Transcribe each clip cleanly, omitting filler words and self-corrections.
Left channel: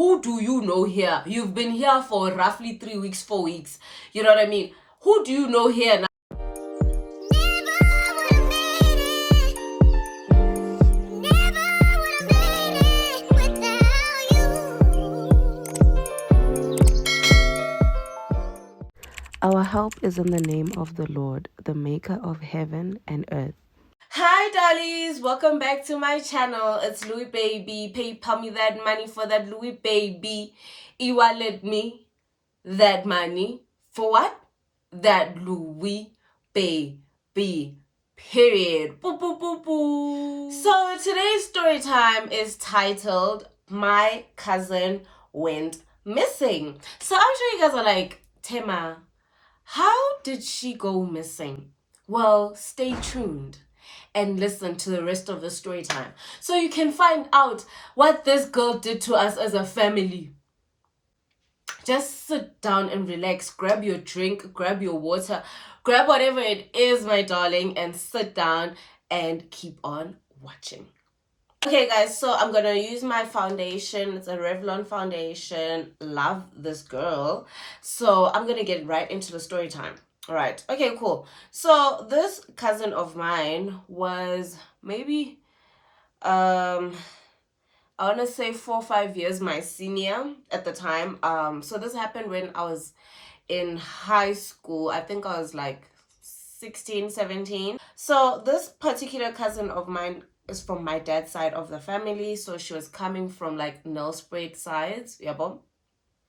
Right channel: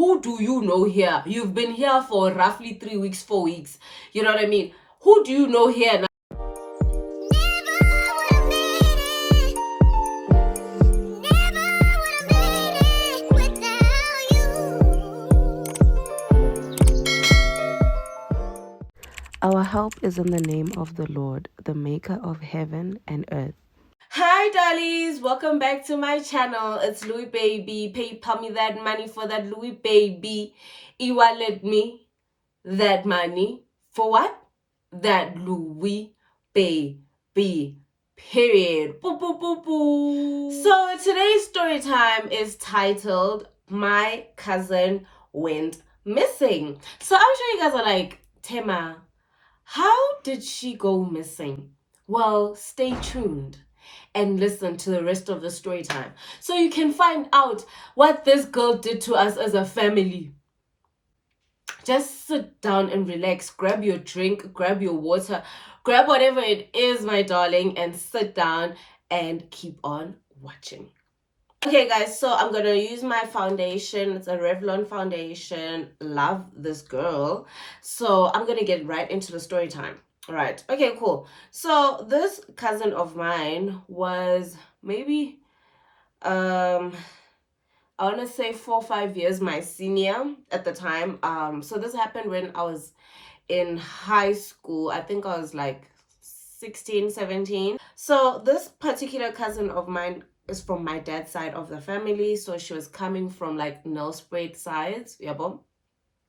who do you know here? You've been here for roughly 3 weeks, 4 weeks. You know what I mean? Who do you know here now? Our help is in the name of the Lord, the maker of heaven and earth. Hi dollies, welcome back to my channel. It's Louis Baby. PayPal me that money for that Louis Baby. E-wallet me that money for what? That Louis Baby. Period. Boo, boo, boo, boo. So today's story time is titled My Cousin Went Missing. So I'm sure you guys are like, Tema, how did she go missing? Well, stay tuned and listen to the rest of the story time so you can find out what this girl did to us as a family. Just sit down and relax, grab your drink, grab your water, grab whatever it is, my darling, and sit down and keep on watching. Okay guys, so I'm gonna use my foundation. It's a Revlon foundation. Love this girl. So I'm gonna get right into the story time. All right, okay, cool. So this cousin of mine was maybe I want to say 4 or 5 years my senior at the time. So this happened when I was in high school. I think I was like 16, 17. So this particular cousin of mine is from my dad's side of the family. So she was coming from like Nelspruit sides. Yeah,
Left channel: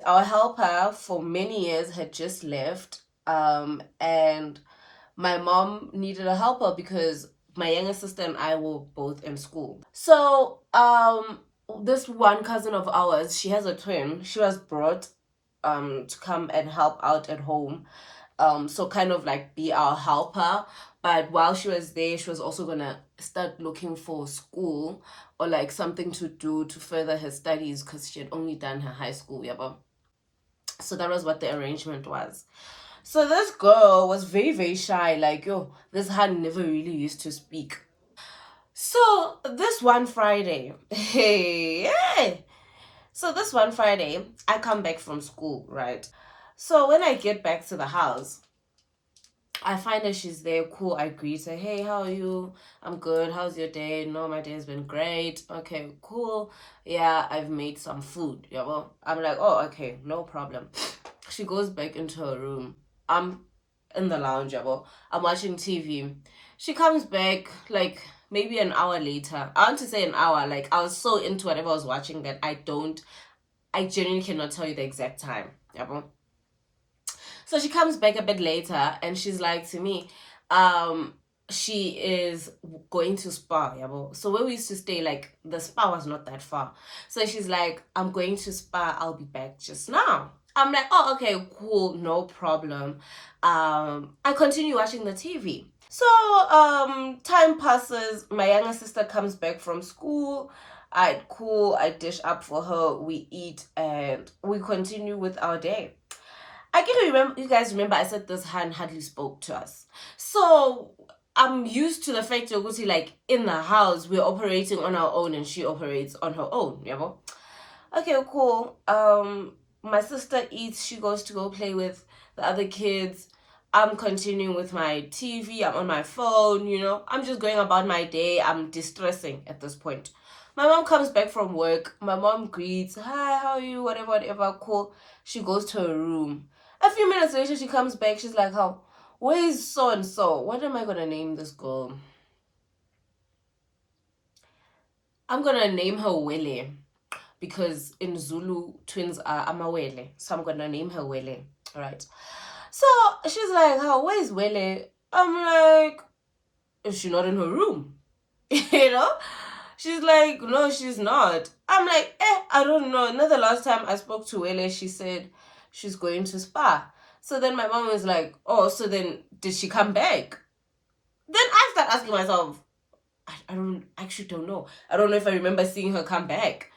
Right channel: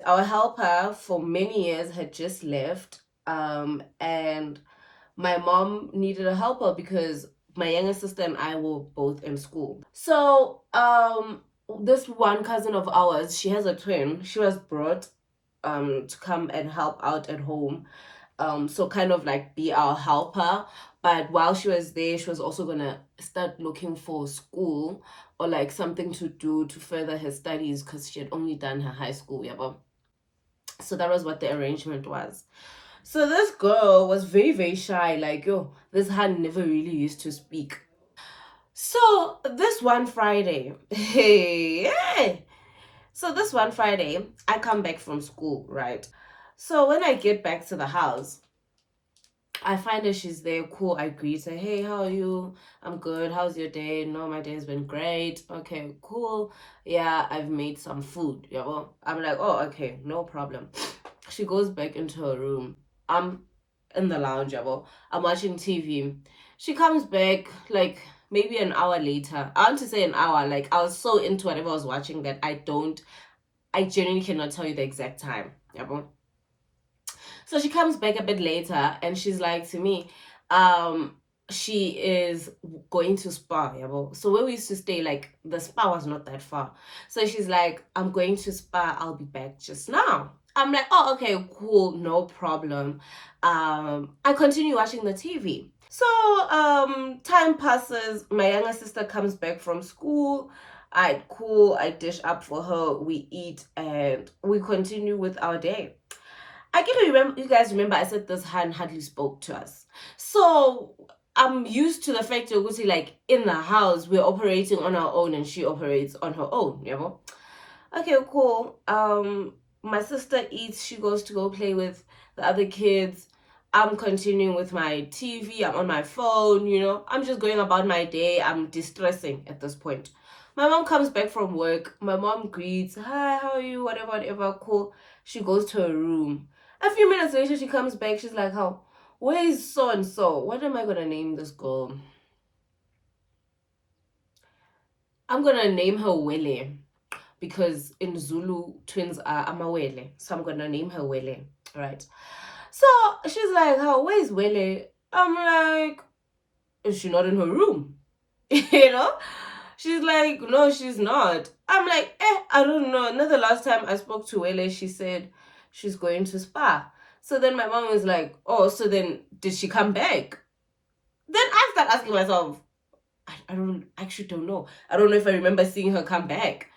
our helper for many years had just left. And my mom needed a helper because my younger sister and I were both in school. So this one cousin of ours, she has a twin. She was brought to come and help out at home. So kind of like be our helper. But while she was there, she was also gonna start looking for school or like something to do to further her studies because she had only done her high school. Yeah, so that was what the arrangement was. So this girl was very, very shy. Like, yo, this hand never really used to speak. So this one Friday, hey. So this one Friday, I come back from school, right? So when I get back to the house, I find her, she's there, cool. I greet her, hey, how are you? I'm good. How's your day? No, my day has been great. Okay, cool. Yeah, I've made some food. Yeah, well, I'm like, oh, okay, no problem. She goes back into her room. I'm in the lounge, yeah, well, I'm watching TV. She comes back like maybe an hour later. I want to say an hour. Like I was so into whatever I was watching that I genuinely cannot tell you the exact time. Yeah, well. So she comes back a bit later and she's like to me, she is going to Spa. Yeah, well. So where we used to stay, like the Spa was not that far. So she's like, I'm going to Spa. I'll be back just now. I'm like, oh, okay, cool, no problem. I continue watching the TV. So time passes. My younger sister comes back from school. I dish up for her, we eat, and we continue with our day. I can remember, you guys remember I said this hand hardly spoke to us. So I'm used to the fact that like in the house we're operating on our own and she operates on her own. You know? Okay, cool. My sister eats, she goes to go play with the other kids. I'm continuing with my TV, I'm on my phone, you know. I'm just going about my day. I'm distressing at this point. My mom comes back from work. My mom greets, hi, how are you? Whatever, whatever, cool. She goes to her room. A few minutes later, she comes back. She's like, how? Where is so-and-so? What am I going to name this girl? I'm going to name her Wele. Because in Zulu, twins are Amawele. So I'm going to name her Wele. All right. So she's like, how? Where's Wele? I'm like, is she not in her room? You know? She's like, no, she's not. I'm like, I don't know. Another last time I spoke to Wele, she said she's going to Spa. So then my mom was like, oh, so then did she come back? Then I start asking myself, I actually don't know. I don't know if I remember seeing her come back.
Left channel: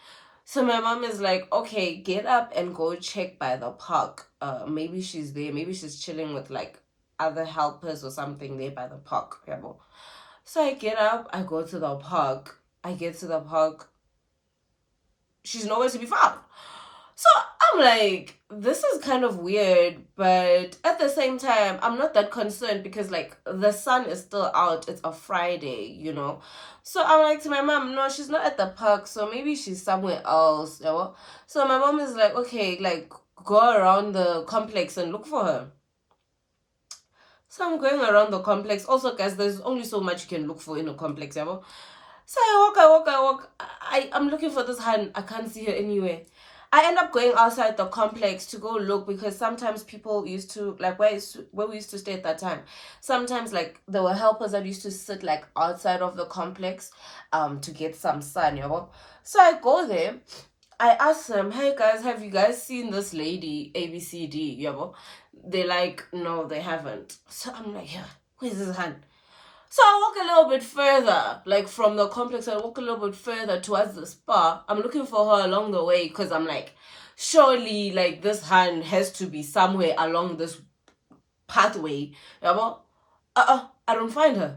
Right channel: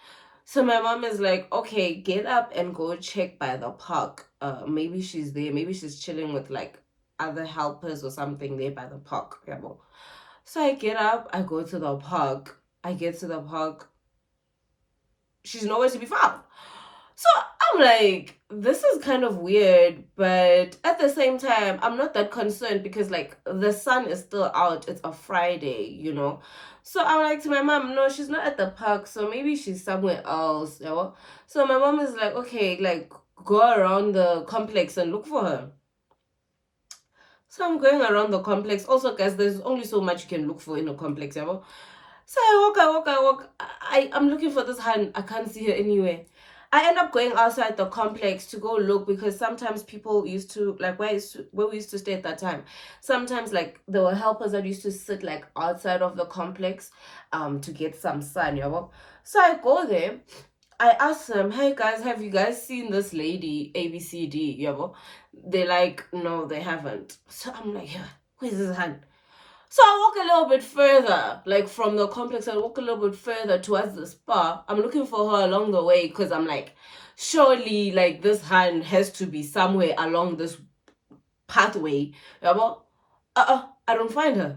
So my mom is like, okay, get up and go check by the park. Maybe she's there. Maybe she's chilling with like other helpers or something there by the park. Yeah, well. So I get up, I go to the park. I get to the park. She's nowhere to be found. So I'm like, this is kind of weird, but at the same time, I'm not that concerned because like the sun is still out. It's a Friday, you know. So I'm like to my mom, no, she's not at the park, so maybe she's somewhere else, you know. So my mom is like, okay, like go around the complex and look for her. So I'm going around the complex. Also, guys, there's only so much you can look for in a complex, you know. So I walk. I'm looking for this hand. I can't see her anywhere. I end up going outside the complex to go look because sometimes people used to like where we used to stay at that time. Sometimes like there were helpers that used to sit like outside of the complex to get some sun, you know. So I go there. I asked them, hey guys, have you guys seen this lady ABCD? You know? They're like, no, they haven't. So I'm like, yeah, where's this hand? So I walk a little bit further, like from the complex, I walk a little bit further towards the spa. I'm looking for her along the way because I'm like, surely like this hand has to be somewhere along this pathway. Yeah, I don't find her.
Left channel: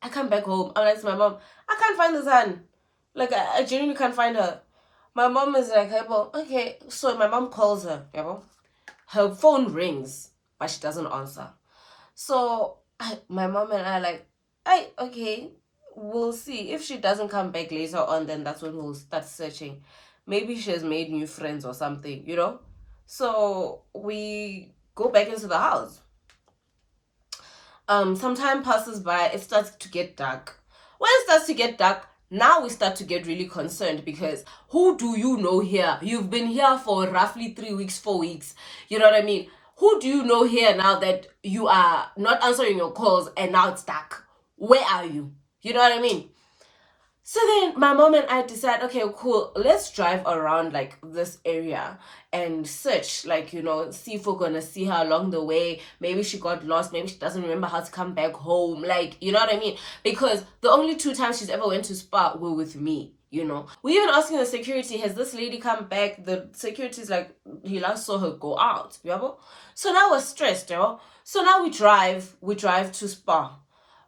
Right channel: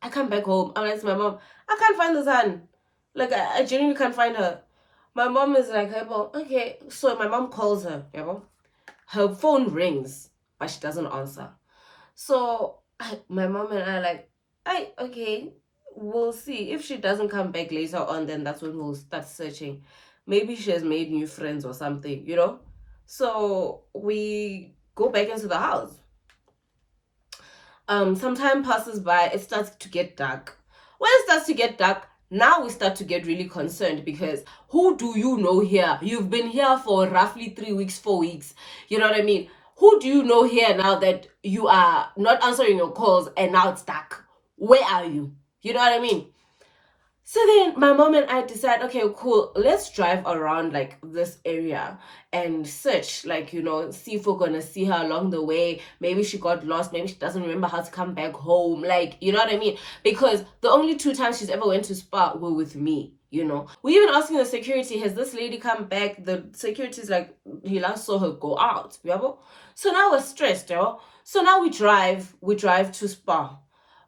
I come back home. I'm like to my mom, I can't find this hand. Like I genuinely can't find her. My mom is like, hey, well, okay. So my mom calls her. Yeah, her phone rings, but she doesn't answer. So my mom and I like, okay, we'll see. If she doesn't come back later on, then that's when we'll start searching. Maybe she has made new friends or something, you know? So we go back into the house. Some time passes by, it starts to get dark. When it starts to get dark, now we start to get really concerned because who do you know here? You've been here for roughly 3 weeks, 4 weeks. You know what I mean? Who do you know here now that you are not answering your calls and now it's dark? Where are you? You know what I mean? So then my mom and I decide, okay, cool, let's drive around like this area and search, like, you know, see if we're gonna see her along the way. Maybe she got lost, maybe she doesn't remember how to come back home. Like, you know what I mean? Because the only 2 times she's ever went to spa were with me, you know. We even asking the security, has this lady come back? The security's like, he last saw her go out. Yeah? So now we're stressed, yo. So now we drive to spa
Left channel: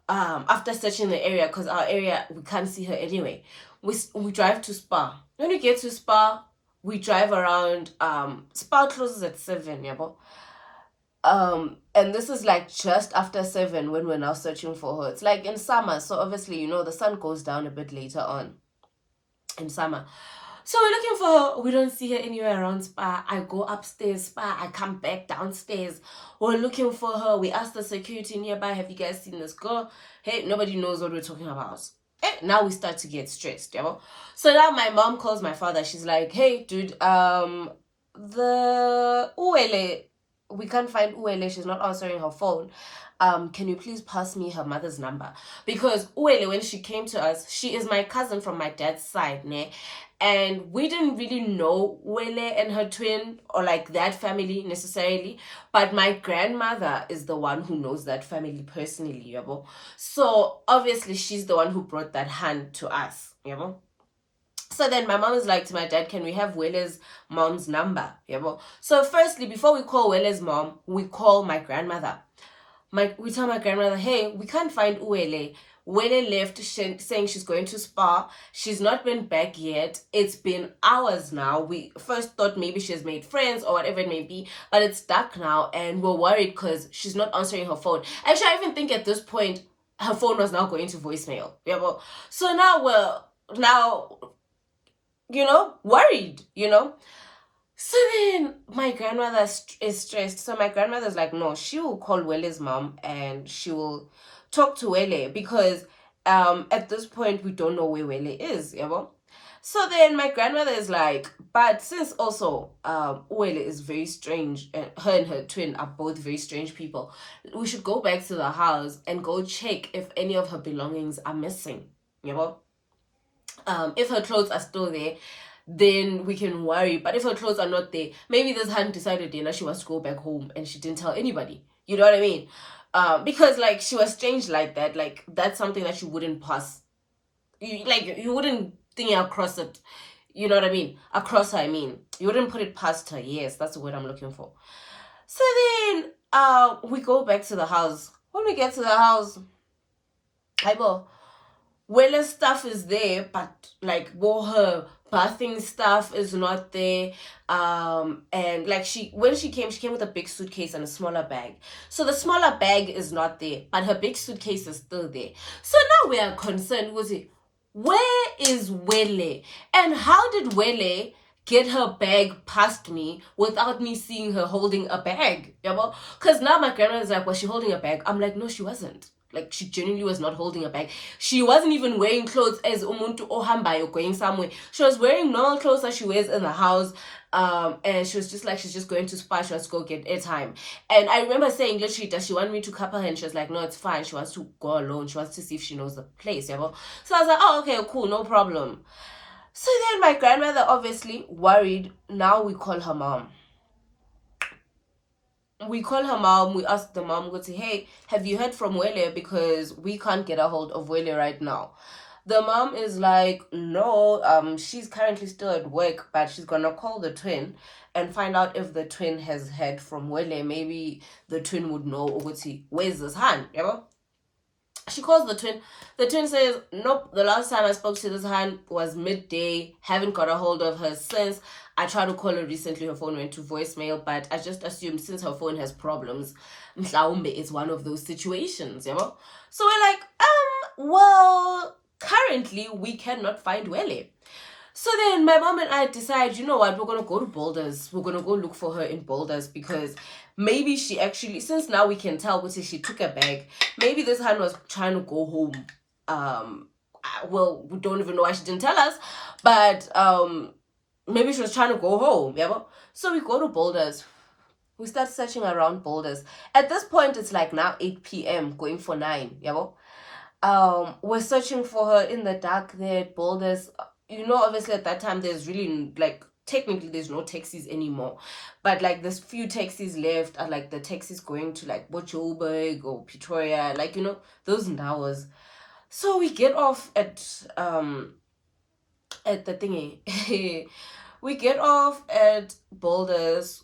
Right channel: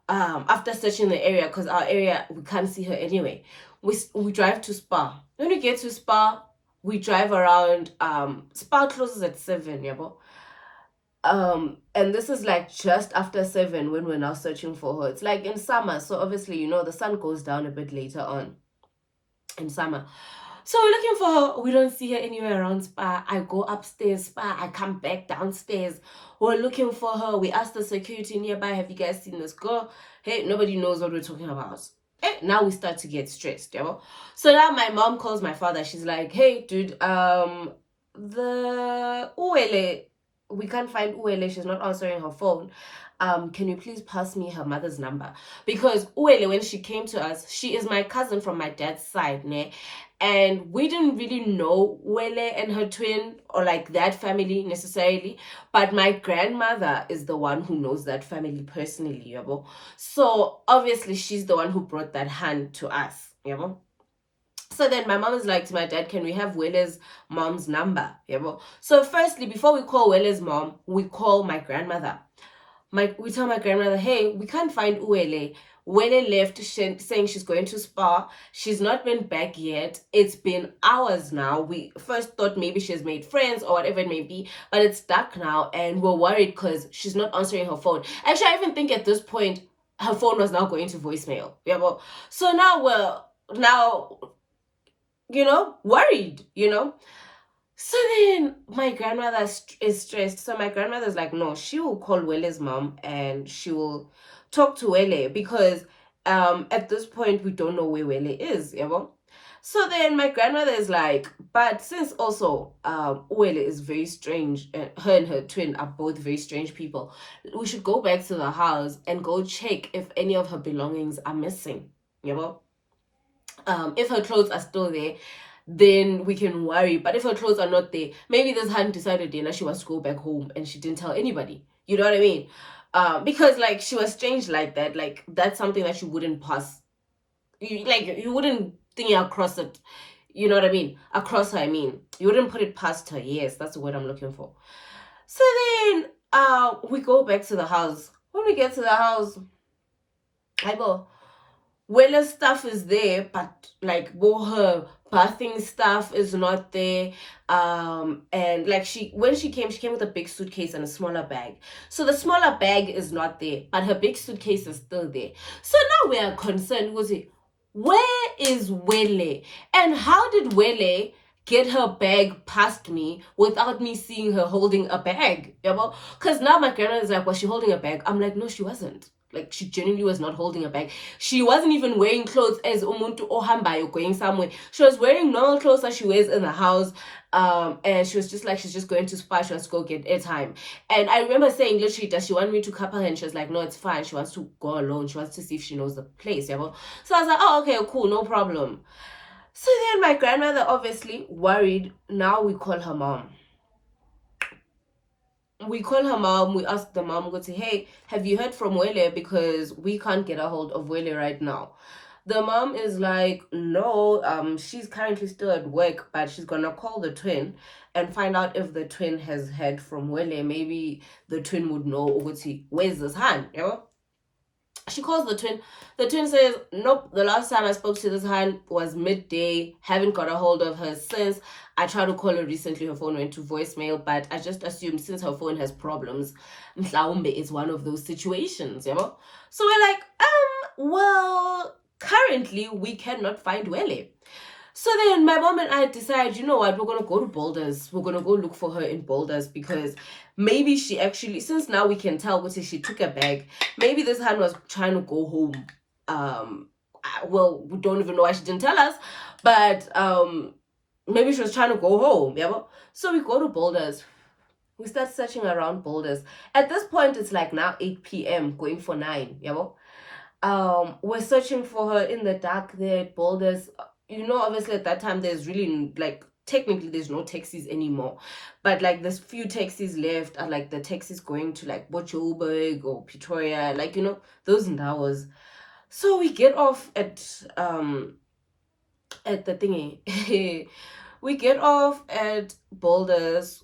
after searching the area because our area we can't see her anyway. We drive to spa. When we get to spa, we drive around. Spa closes at 7, yeah, but and this is like just after 7 when we're now searching for her. It's like in summer, so obviously you know the sun goes down a bit later on in summer. So we're looking for her. We don't see her anywhere around spa. I go upstairs spa. I come back downstairs. We're looking for her. We ask the security nearby, have you guys seen this girl? Hey, nobody knows what we're talking about. Now we start to get stressed, yeah? So now my mom calls my father. She's like, hey, dude, the Uele, we can't find Uele. She's not answering her phone. Can you please pass me her mother's number? Because Uele, when she came to us, she is my cousin from my dad's side, ne? And we didn't really know Uele and her twin or like that family necessarily, but my grandmother is the one who knows that family personally, yabo. So obviously she's the one who brought that hand to us, yabo. So then my mom is like to my dad, can we have Wele's mom's number? Yabo. So firstly, before we call Wele's mom, we call my grandmother. We tell my grandmother, hey, we can't find Uele. Uele left saying she's going to spa. She's not been back yet. It's been hours now. We first thought maybe she's made friends or whatever it may be, but it's dark now and we're worried because she's not answering her phone. Actually, I even think at this point her phone was now going to voicemail. Yeah, well, so now we're you know, worried, you know. So then my grandmother is stressed. So my grandmother's like, no, she will call Wele's mom and she will talk to Wele because at this point we don't know where Wele is, you know? So then my grandmother is like, but since also Wele is very strange, and her twin are both very strange people, we should go back to the house and go check if any of her belongings are missing, you know? If her clothes are still there, then we can worry. But if her clothes are not there, maybe this hadn't decided yet that she wants to go back home and she didn't tell anybody. You know what I mean? Because like she was strange like that. Like that's something that you wouldn't pass. You wouldn't think across it. You know what I mean? Across her, I mean. You wouldn't put it past her. Yes, that's the word I'm looking for. So then we go back to the house. When we get to the house, I go, Wele's stuff is there, but like her bathing stuff is not there. And like when she came with a big suitcase and a smaller bag. So the smaller bag is not there, but her big suitcase is still there. So now we are concerned with it. Where is Wele? And how did Wele get her bag past me without me seeing her holding a bag? Because now my grandma is like, was she holding a bag? I'm like, no, she wasn't. Like, she genuinely was not holding a bag. She wasn't even wearing clothes as umuntu ohambayo going somewhere. She was wearing normal clothes that she wears in the house. And she was just like, she's just going to Spar. She wants to go get airtime. And I remember saying, literally, does she want me to couple her? And she was like, no, it's fine. She wants to go alone. She wants to see if she knows the place. So I was like, oh, okay, cool, no problem. So then my grandmother, obviously worried. Now we call her mom. We ask the mom, go say, hey, have you heard from Wele? Because we can't get a hold of Wele right now. The mom is like, no, she's currently still at work, but she's gonna call the twin and find out if the twin has heard from Wele. Maybe the twin would know, where's this hand, She calls the twin. The twin says, nope, the last time I spoke to this hand was midday. Haven't got a hold of her since. I tried to call her recently. Her phone went to voicemail, but I just assumed since her phone has problems, mhlawumbe is one of those situations, So we're like, well, currently we cannot find Wele. So then my mom and I decide, you know what, we're going to go to Boulders. We're going to go look for her in Boulders because maybe she actually, since now we can tell, she took a bag. Maybe this hand was trying to go home. Well, we don't even know why she didn't tell us, but maybe she was trying to go home. So we go to Boulders. We start searching around Boulders. At this point, it's like now 8 p.m. going for 9. We're searching for her in the dark there at Boulders. Obviously at that time there's really like technically there's no taxis anymore, but like there's few taxis left are like the taxis going to like Bojoburg or Pretoria, like those hours. So we get off at the thingy. We get off at Boulders.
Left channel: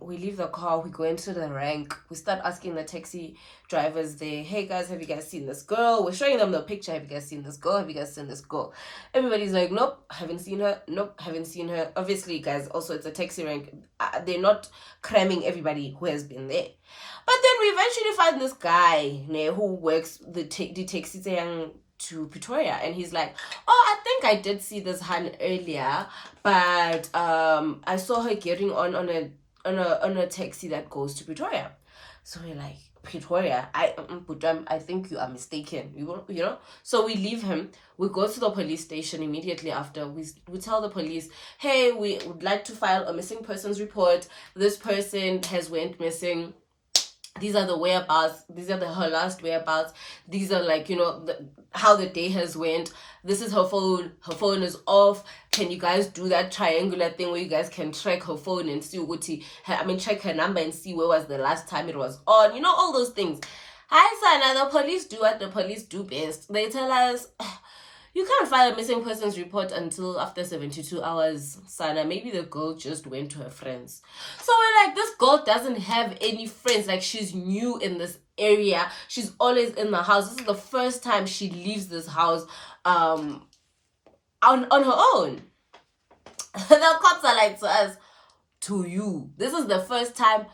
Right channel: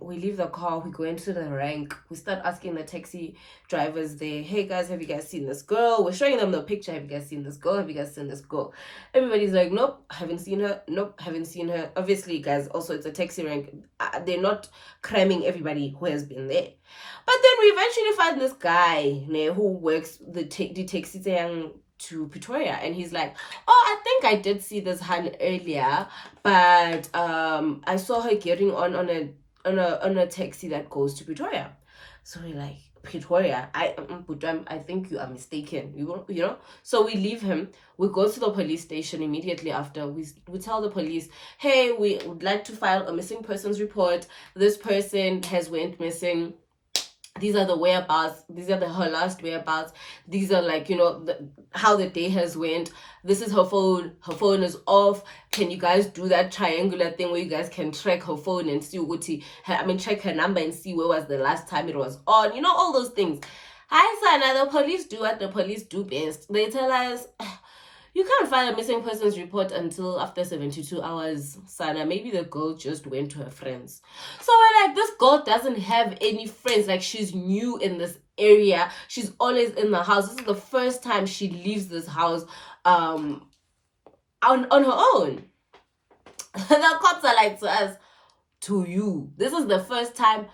We leave the car. We go into the rank. We start asking the taxi drivers there, hey guys, have you guys seen this girl? We're showing them the picture. Have you guys seen this girl? Have you guys seen this girl? Everybody's like, nope, haven't seen her. Nope, haven't seen her. Obviously, guys, also it's a taxi rank. They're not cramming everybody who has been there. But then we eventually find this guy who works the taxi to Pretoria, and he's like, oh, I think I did see this Han earlier, but I saw her getting on a taxi that goes to Pretoria. So we're like, Pretoria? I think you are mistaken. So we leave him. We go to the police station immediately after. We tell the police, hey, we would like to file a missing persons report. This person has went missing. These are the whereabouts. These are her last whereabouts. These are like, how the day has went. This is her phone. Her phone is off. Can you guys do that triangular thing where you guys can track her phone and see check her number and see where was the last time it was on. All those things. Hi, Sana. The police do what the police do best. They tell us, you can't file a missing persons report until after 72 hours, Sana. Maybe the girl just went to her friends. So we're like, this girl doesn't have any friends. Like, she's new in this area. She's always in the house. This is the first time she leaves this house on her own. The cops are like to us, to you. This is the first time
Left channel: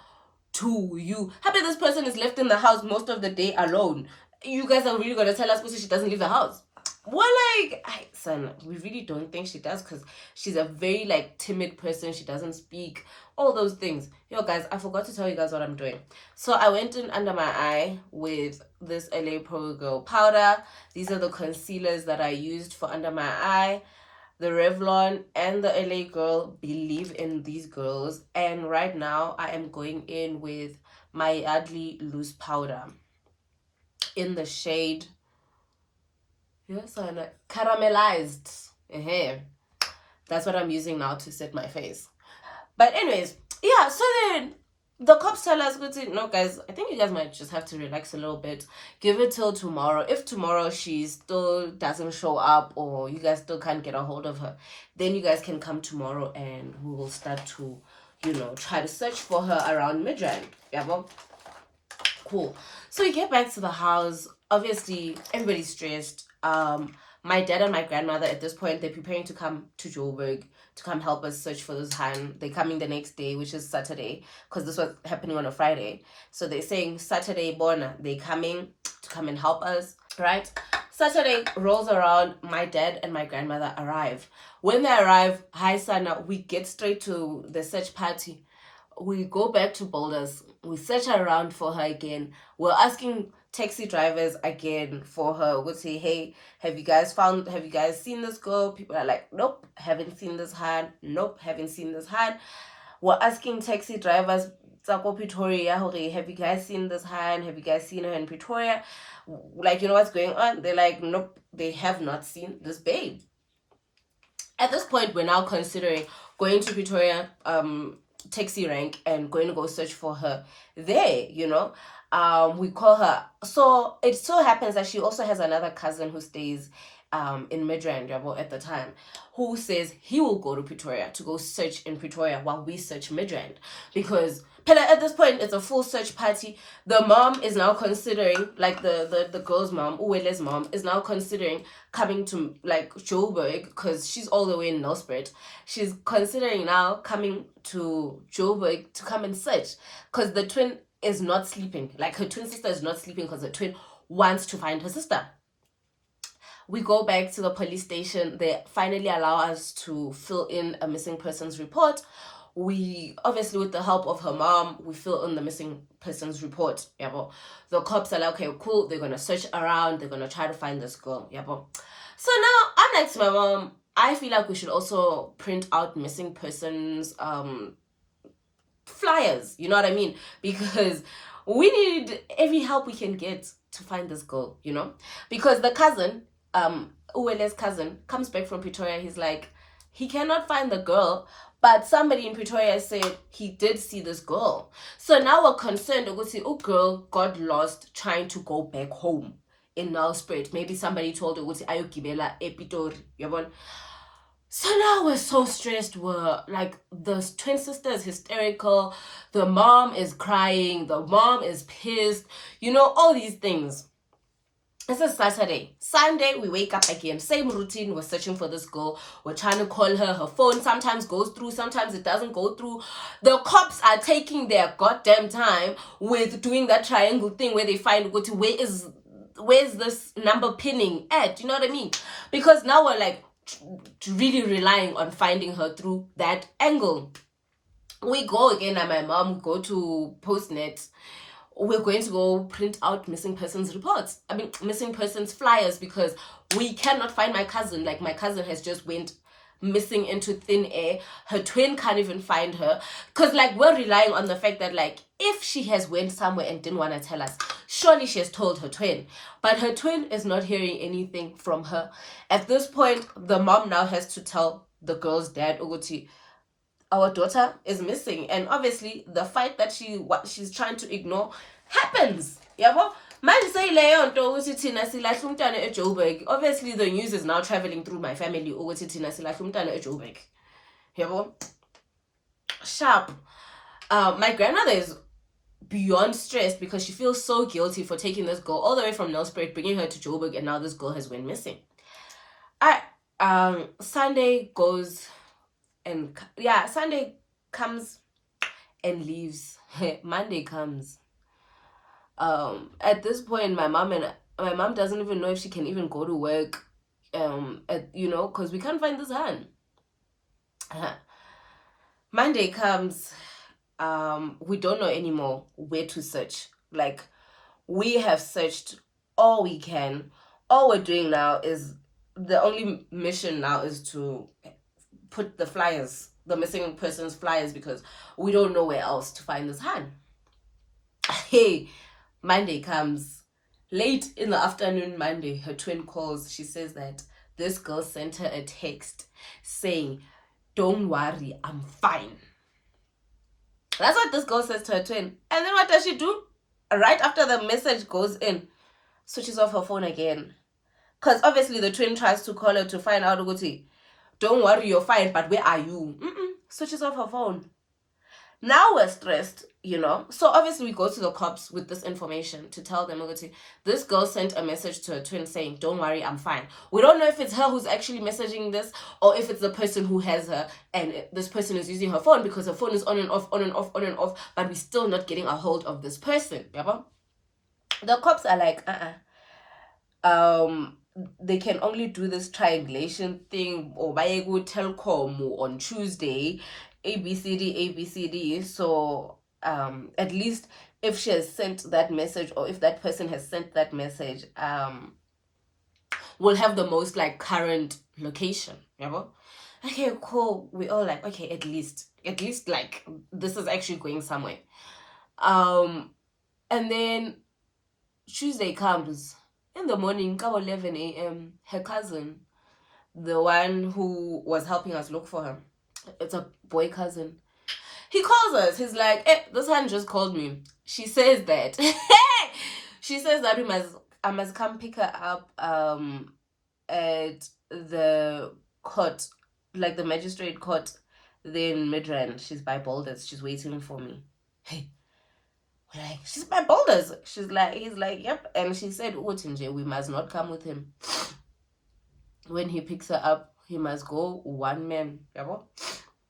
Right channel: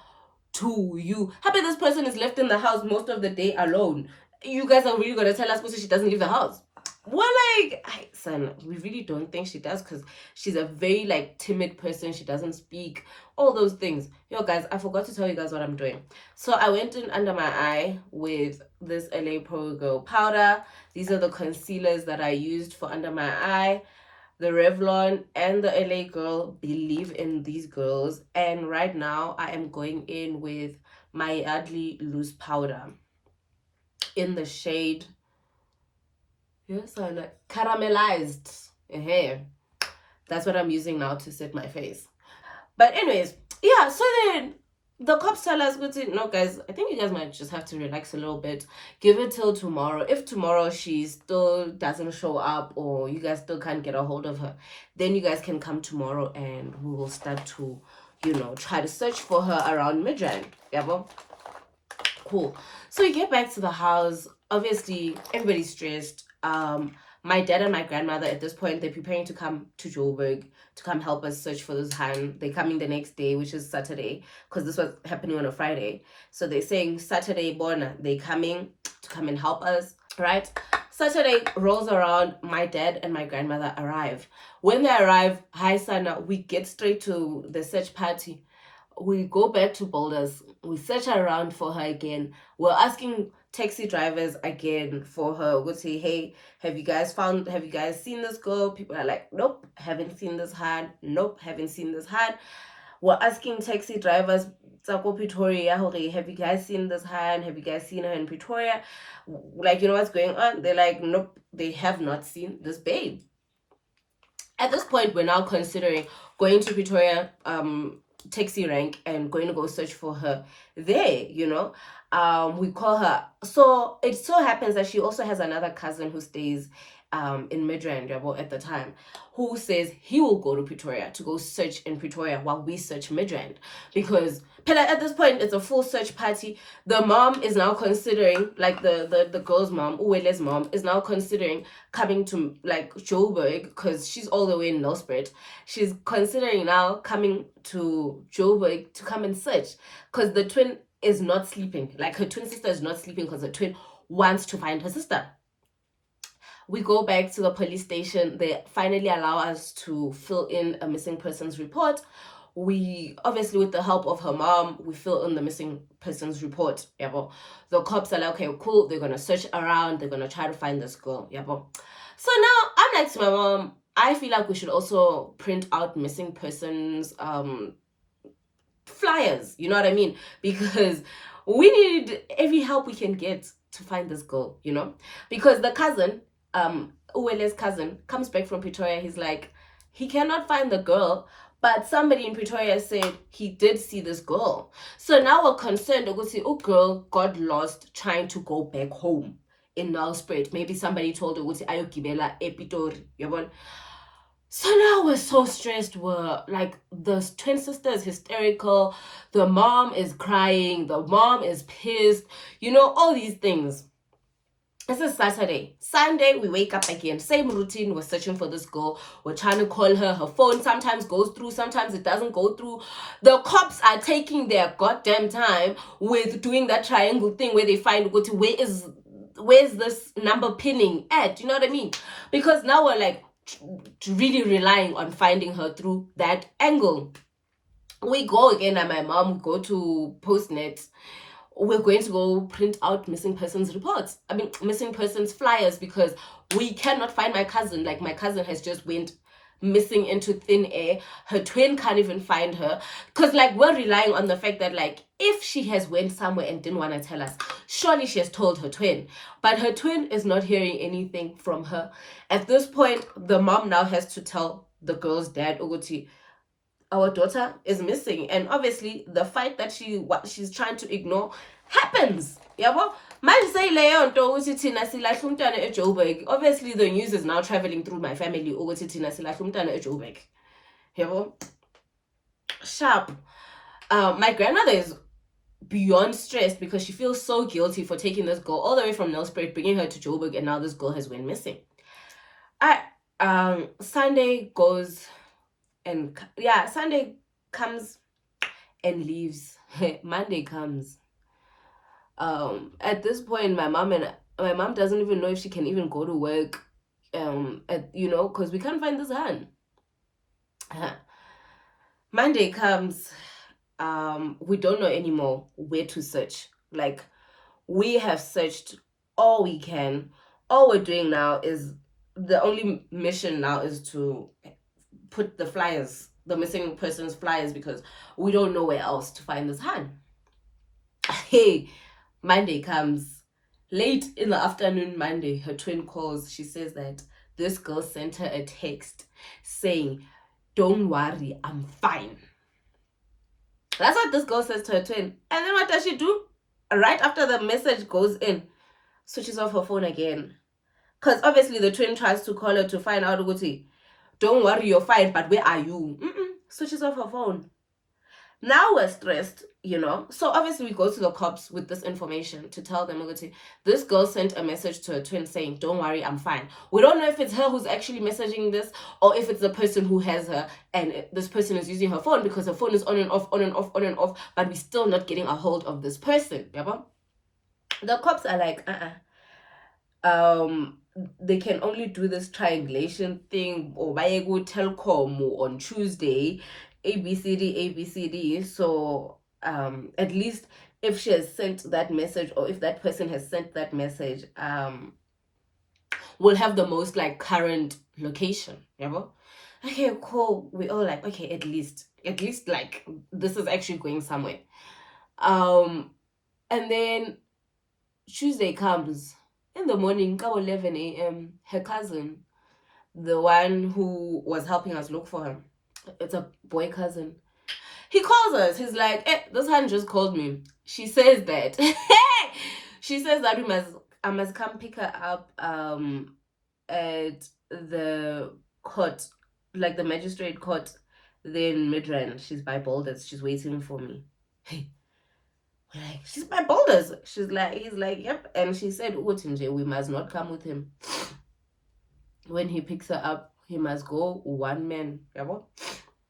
to you. Happy this person is left in the house most of the day alone. You guys are really going to tell us because she doesn't leave the house. Well, like, son, we really don't think she does because she's a very, like, timid person. She doesn't speak, all those things. Yo, guys, I forgot to tell you guys what I'm doing. So I went in under my eye with this LA Pro Girl powder. These are the concealers that I used for under my eye. The Revlon and the LA Girl. Believe in these girls. And right now, I am going in with my Yardley loose powder in the shade... Yes, and caramelized hair. That's what I'm using now to set my face. But anyways, yeah, so then the cops tell us, no, guys, I think you guys might just have to relax a little bit. Give it till tomorrow. If tomorrow she still doesn't show up or you guys still can't get a hold of her, then you guys can come tomorrow and we will start to, try to search for her around Midrand. Yeah, well, cool. So we get back to the house. Obviously, everybody's stressed. My dad and my grandmother at this point, they're preparing to come to Joburg to come help us search for this Han. They're coming the next day, which is Saturday, because this was happening on a Friday. So they're saying Saturday, Bona, they're coming to come and help us, right? Saturday rolls around, my dad and my grandmother arrive. When they arrive, hi Sana, we get straight to the search party. We go back to Boulders. We search around for her again. We're asking taxi drivers again for her. We'll say, hey, have you guys seen this girl? People are like, nope, haven't seen this hand. Nope, haven't seen this hand. We're asking taxi drivers, Pretoria, have you guys seen this hand? Have you guys seen her in Pretoria? Like, you know what's going on? They're like, nope, they have not seen this babe. At this point, we're now considering going to Pretoria, taxi rank, and going to go search for her there, you know. We call her. So it so happens that she also has another cousin who stays in Midrand at the time, who says he will go to Pretoria to go search in Pretoria while we search Midrand, because at this point it's a full search party. The mom is now considering, like the girl's mom, Uwele's mom, is now considering coming to like Joburg, because she's all the way in Nelspruit. She's considering now coming to Joburg to come and search, because the twin is not sleeping. Like, her twin sister is not sleeping because the twin wants to find her sister. We go back to the police station. They finally allow us to fill in a missing persons report. We, obviously with the help of her mom, we fill in the missing persons report. The cops are like, okay, cool, they're gonna search around, they're gonna try to find this girl. So now I'm like to my mom, I feel like we should also print out missing persons flyers, you know what I mean? Because we need every help we can get to find this girl, you know? Because the cousin, Uwele's cousin, comes back from Pretoria. He's like, he cannot find the girl, but somebody in Pretoria said he did see this girl. So now we're concerned, oh, girl got lost trying to go back home in Nelspruit. Maybe somebody told her, ayogibela epitori, yabon. So now we're so stressed. We're like, the twin sister is hysterical. The mom is crying. The mom is pissed. You know, all these things. This is Saturday. Sunday, we wake up again. Same routine. We're searching for this girl. We're trying to call her. Her phone sometimes goes through. Sometimes it doesn't go through. The cops are taking their goddamn time with doing that triangle thing where they find, where's this number pinning at? You know what I mean? Because now we're like, really relying on finding her through that angle. We go again, and my mom go to Postnet. We're going to go print out missing persons reports. Missing persons flyers, because we cannot find my cousin. Like, my cousin has just went missing into thin air. Her twin can't even find her, because like, we're relying on the fact that, like, if she has went somewhere and didn't want to tell us, surely she has told her twin. But her twin is not hearing anything from her. At this point, the mom now has to tell the girl's dad, Uguti, our daughter is missing. And obviously the fight that she's trying to ignore happens. Obviously the news is now traveling through my family. Sharp. My grandmother is beyond stressed because she feels so guilty for taking this girl all the way from Nelspruit, bringing her to Joburg, and now this girl has went missing. Sunday goes, and Sunday comes and leaves. Monday comes. At this point, my mom doesn't even know if she can even go to work, because we can't find this hand. Monday comes. We don't know anymore where to search. Like, we have searched all we can. All we're doing now is, the only mission now is to put the flyers, the missing persons flyers, because we don't know where else to find this hand. Hey, Monday comes. Late in the afternoon, Monday, her twin calls. She says that this girl sent her a text saying, don't worry, I'm fine. That's what this girl says to her twin. And then what does she do? Right after the message goes in, switches off her phone again. Because obviously the twin tries to call her to find out, don't worry, you're fine, but where are you? Switches off her phone. Now we're stressed, you know. So obviously we go to the cops with this information to tell them, okay, this girl sent a message to her twin saying, don't worry, I'm fine. We don't know if it's her who's actually messaging this or if it's the person who has her and this person is using her phone because her phone is on and off, on and off, on and off, but we're still not getting a hold of this person. The cops are like, they can only do this triangulation thing or buy a good telcom on Tuesday, ABCD. So at least if she has sent that message or if that person has sent that message, we'll have the most like current location. Okay, cool. We all like, okay, at least like this is actually going somewhere. And then Tuesday comes. In the morning, 11 a.m., her cousin, the one who was helping us look for her, it's a boy cousin, he calls us. He's like, hey, this one just called me. She says that. She says that I must come pick her up at the court, like the magistrate court, then Midrand. She's by Boulders. She's waiting for me. Hey. Like, she's by Boulders. He's like, yep. And she said, we must not come with him. When he picks her up, he must go one man.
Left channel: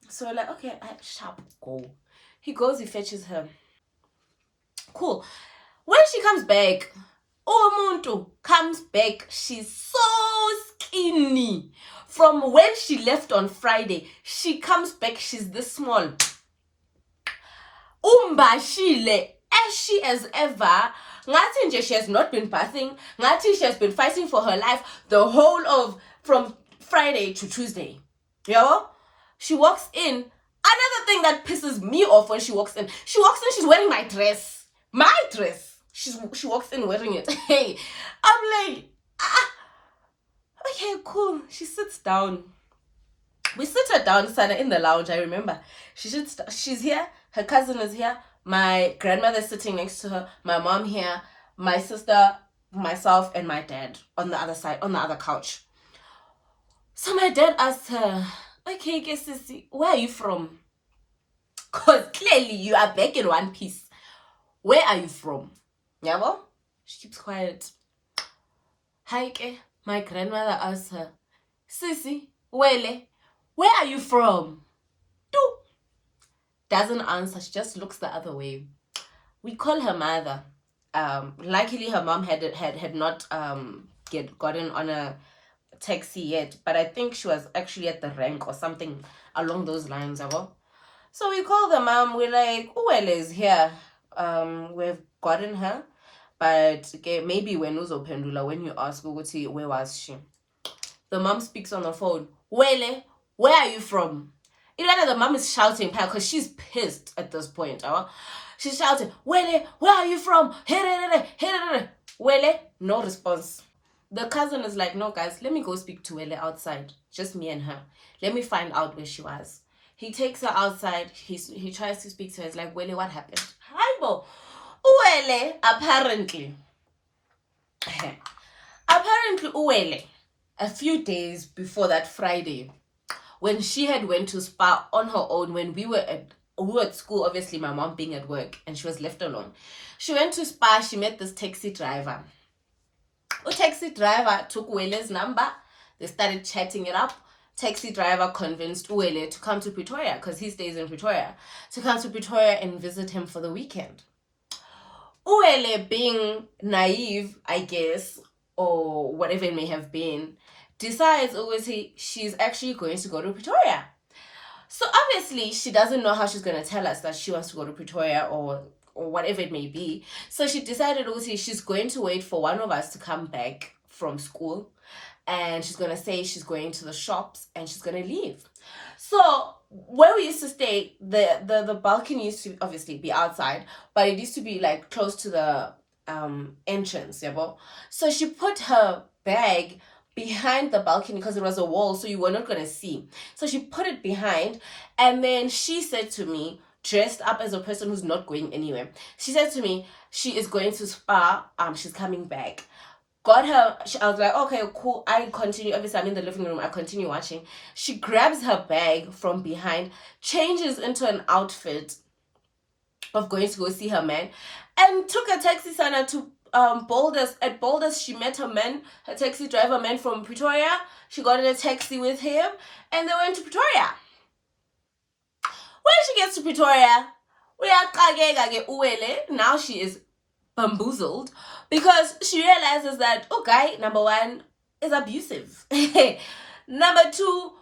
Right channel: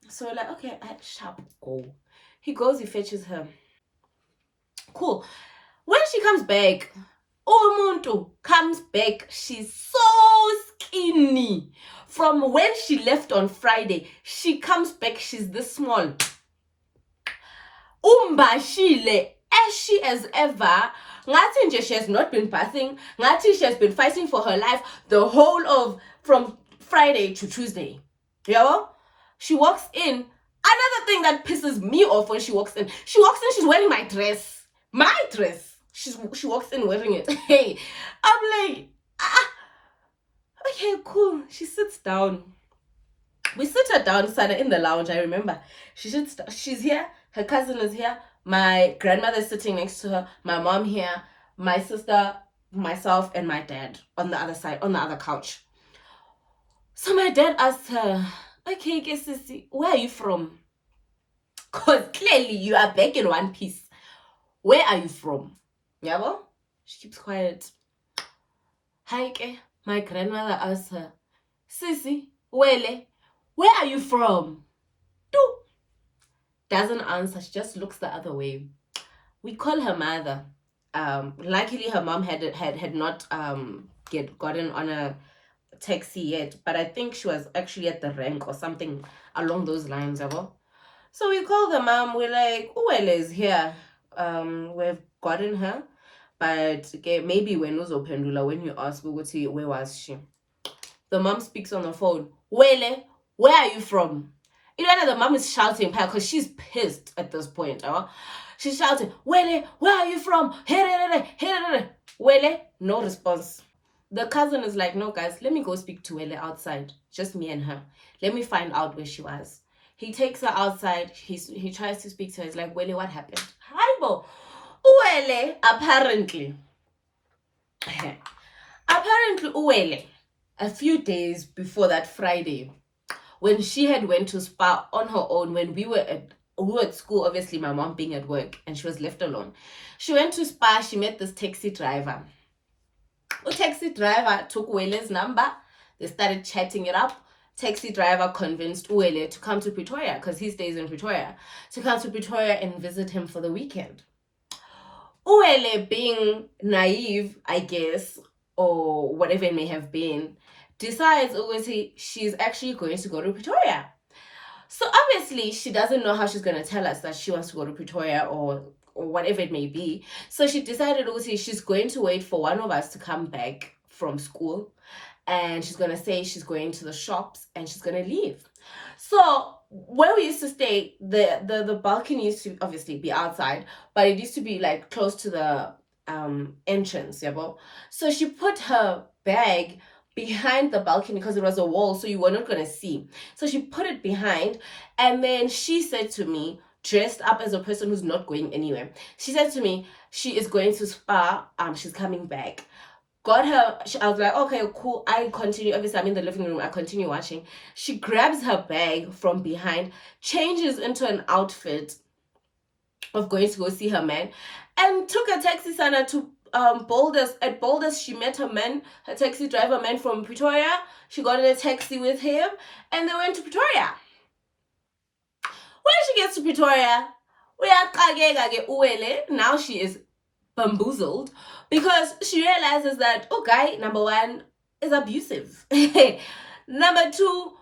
So we're like, okay, sharp, go. He goes, he fetches her. Cool. When she comes back, Umuntu comes back. She's so skinny. From when she left on Friday, she comes back. She's this small. Umbashile. As she as ever, ngathi she has not been bathing. Ngathi she has been fighting for her life the whole of from Friday to Tuesday. She walks in. Another thing that pisses me off when she walks in, she's wearing my dress. My dress. She walks in wearing it. Hey, I'm like, okay, cool. She sits down. We sit her down, Sana, in the lounge. I remember. She's here. Her cousin is here. My grandmother's sitting next to her. My mom here. My sister, myself, and my dad on the other side, on the other couch. So my dad asked her, okay, sissy, where are you from? Because clearly you are back in one piece. Where are you from? Yeah, she keeps quiet. Haike, my grandmother asked her, sissy, where are you from? Doesn't answer. She just looks the other way. We call her mother. Luckily, her mom had not gotten on a taxi yet, but I think she was actually at the rank or something along those lines. So we call the mom. We're like, Uwele is here. We've gotten her, but maybe when uzophendula when you ask ukuthi where was she, the mom speaks on the phone. Wele, where are you from? The mom is shouting because she's pissed at this point. She's shouting, Wele, where are you from? Wele, no response. The cousin is like, no, guys, let me go speak to Wele outside. Just me and her. Let me find out where she was. He takes her outside. He tries to speak to her. He's like, Wele, what happened? Haibo. Wele, apparently, Uwele, a few days before that Friday, when she had went to spa on her own, when we were at school, obviously my mom being at work, and she was left alone. She went to spa. She met this taxi driver. The taxi driver took Uwele's number. They started chatting it up. Taxi driver convinced Uwele to come to Pretoria because he stays in Pretoria, to come to Pretoria and visit him for the weekend. Uwele, being naive, I guess, or whatever it may have been, decides she's actually going to go to Pretoria. So obviously she doesn't know how she's going to tell us that she wants to go to Pretoria or whatever it may be. So she decided she's going to wait for one of us to come back from school, and she's going to say she's going to the shops and she's going to leave. So where we used to stay, the balcony used to obviously be outside, but it used to be like close to the entrance. So she put her bag behind the balcony because it was a wall, so you were not going to see. So she put it behind, and then she said to me, dressed up as a person who's not going anywhere, she said to me she is going to spa, she's coming back. Got her, I was like, okay, cool. I continue, obviously I'm in the living room, I continue watching. She grabs her bag from behind, changes into an outfit, of going to go see her man, and took a taxi sana to Boulders. At Boulders, she met her taxi driver man from Pretoria. She got in a taxi with him, and they went to Pretoria. When she gets to Pretoria, now she is bamboozled because she realizes that guy number one is abusive. Number two,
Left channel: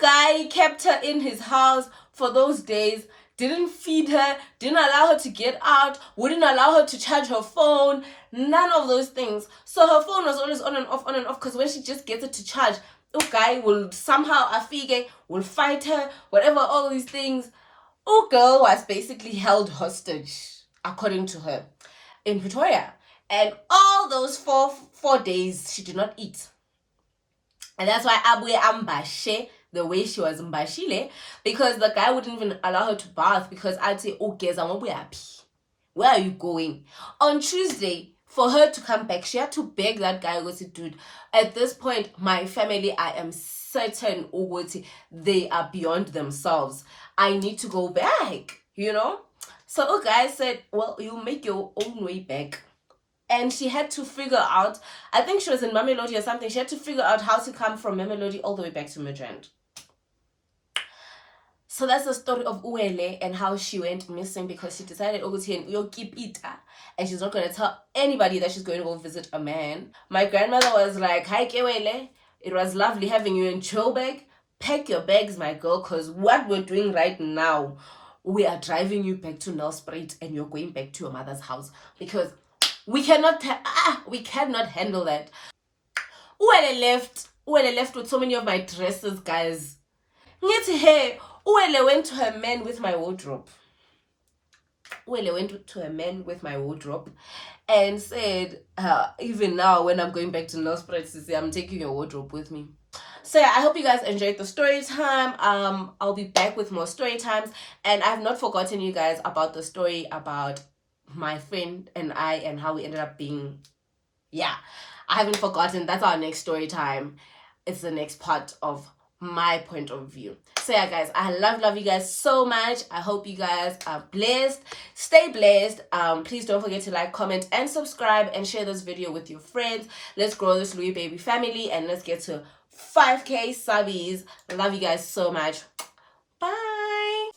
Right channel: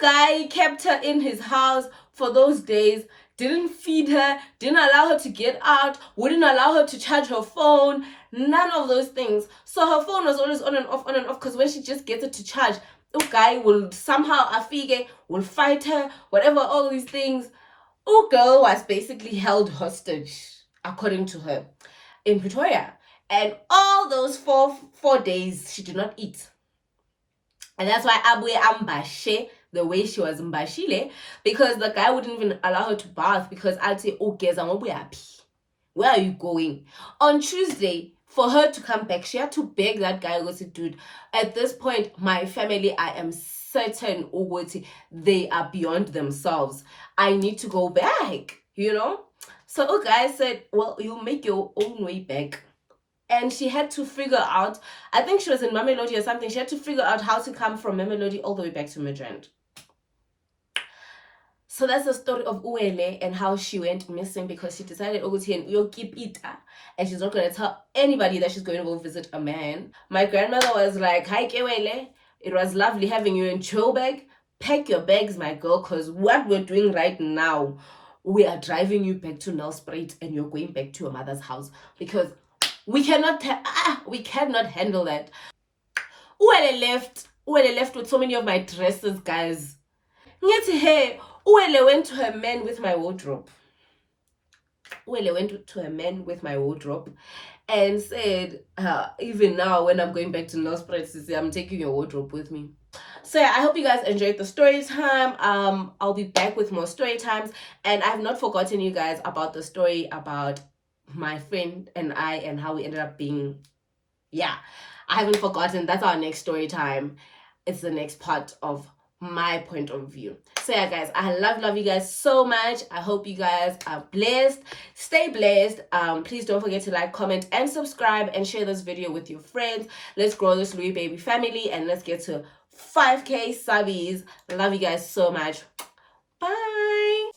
guy kept her in his house for those days, didn't feed her, didn't allow her to get out, wouldn't allow her to charge her phone, none of those things. So her phone was always on and off, because when she just gets it to charge, guy will somehow afige, will fight her, whatever, all these things. Girl was basically held hostage, according to her, in Pretoria. And all those four days, she did not eat. And that's why Abwe Ambashe, the way she was Mbashile, because the guy wouldn't even allow her to bath because I'd say, where are you going? On Tuesday, for her to come back, she had to beg that guy, dude, at this point, my family, I am certain they are beyond themselves. I need to go back, So guy said, well, you make your own way back. And she had to figure out, I think she was in Mamelodi or something, she had to figure out how to come from Mamelodi all the way back to Midrand. So that's the story of Uele and how she went missing because she decided keep it, and she's not going to tell anybody that she's going to go visit a man. My grandmother was like, hi Kewele, it was lovely having you in Joburg. Pack your bags, my girl, because what we're doing right now, we are driving you back to Nelspruit and you're going back to your mother's house because we cannot handle that. Uele left with so many of my dresses, guys. Hey, Uele went to her man with my wardrobe. Uele went to her man with my wardrobe and said, even now when I'm going back to Nelspruit, I'm taking your wardrobe with me. So yeah, I hope you guys enjoyed the story time. I'll be back with more story times, and I've not forgotten you guys about the story about my friend and I and how we ended up being. I haven't forgotten. That's our next story time. It's the next part of my point of view. So yeah, guys, I love you guys so much. I hope you guys are blessed. Stay blessed. Please don't forget to like, comment, and subscribe, and share this video with your friends. Let's grow this Louis Baby family, and let's get to 5K subbies. Love you guys so much. Bye.